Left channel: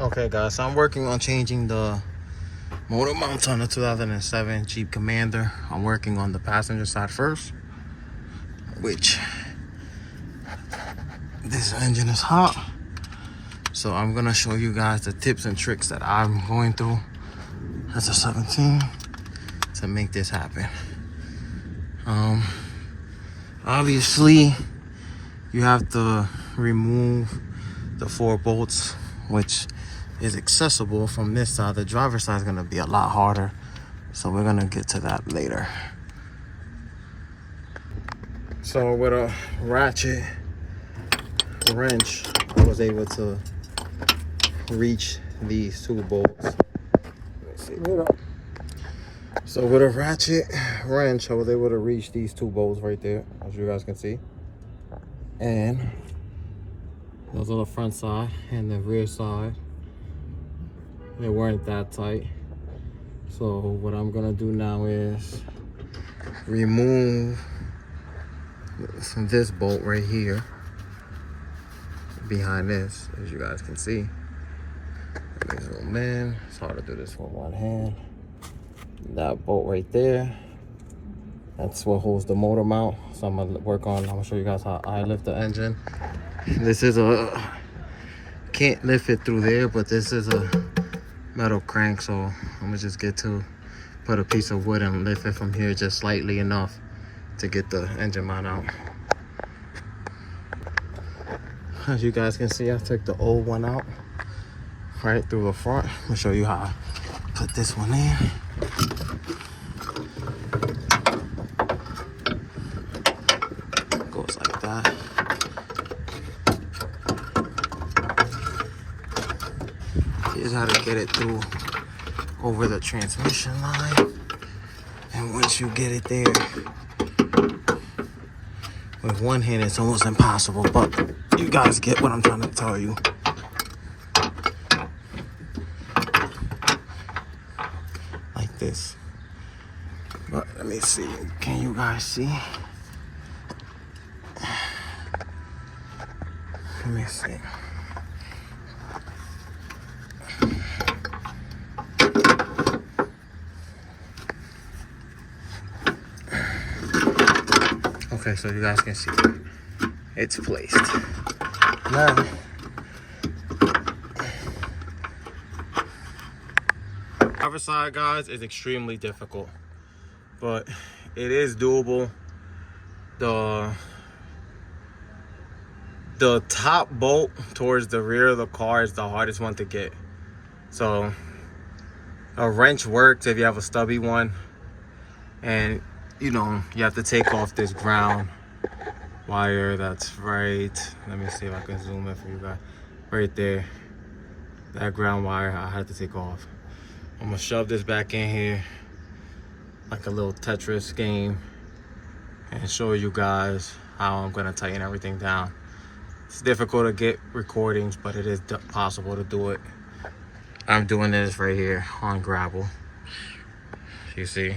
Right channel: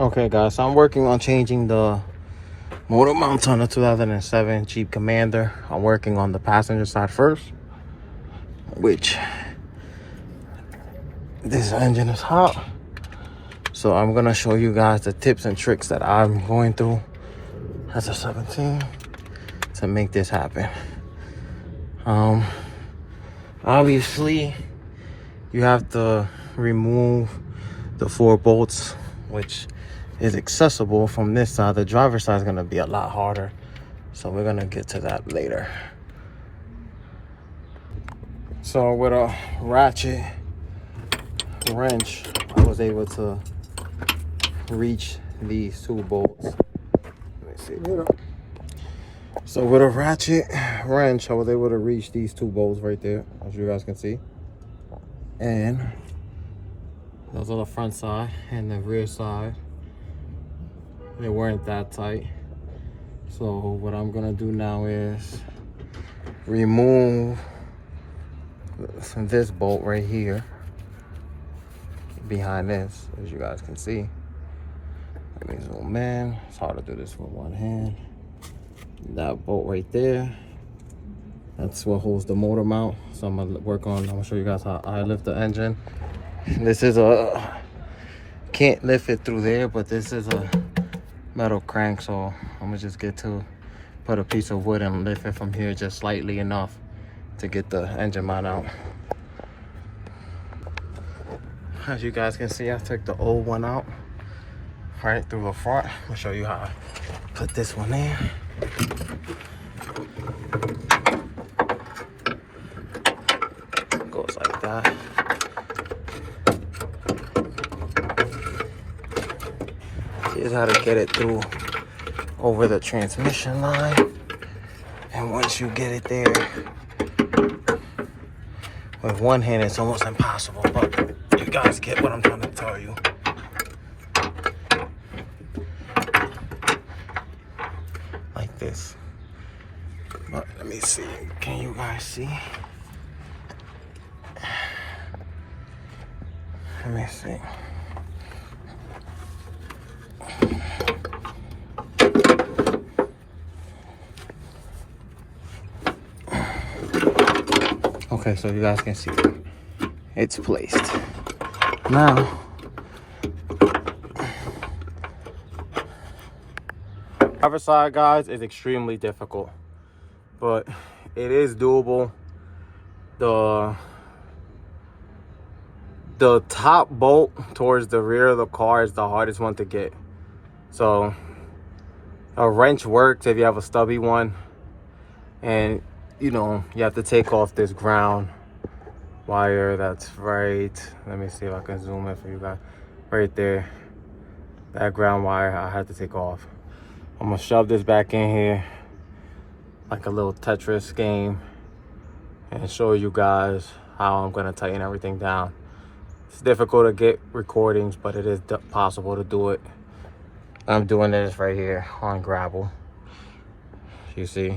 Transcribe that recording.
Okay guys, so I'm working on changing the motor mounts on the 2007 Jeep Commander. I'm working on the passenger side first, which this engine is hot. So I'm gonna show you guys the tips and tricks that I'm going through as a 17 to make this happen. Obviously you have to remove the 4 bolts, which is accessible from this side. The driver's side is going to be a lot harder, so we're going to get to that later. So with a ratchet wrench, I was able to reach these 2 bolts. Let me see. So with a ratchet wrench, I was able to reach these 2 bolts right there, as you guys can see. And those are the front side and the rear side. They weren't that tight. So what I'm gonna do now is remove this bolt right here behind this, as you guys can see. Let me zoom in. It's hard to do this with one hand. That bolt right there, that's what holds the motor mount. So I'm gonna show you guys how I lift the engine. This is can't lift it through there, but this is a metal crank, so I'm gonna just put a piece of wood and lift it from here just slightly enough to get the engine mount out. As you guys can see, I took the old one out right through the front. I'm gonna show you how I put this one in. Goes like that. Here's how to get it through over the transmission line. And once you get it there, with one hand it's almost impossible, but you guys get what I'm trying to tell you. Like this. But let me see, can you guys see? Let me see. Okay, so you guys can see it's placed. Now, driver side, guys, is extremely difficult, but it is doable. The top bolt towards the rear of the car is the hardest one to get. So a wrench works if you have a stubby one, and you know, you have to take off this ground wire that's right, let me see if I can zoom in for you guys, right there. That ground wire I had to take off. I'm gonna shove this back in here like a little Tetris game and show you guys how I'm gonna tighten everything down. It's difficult to get recordings, but it is possible to do it. I'm doing this right here on gravel, you see.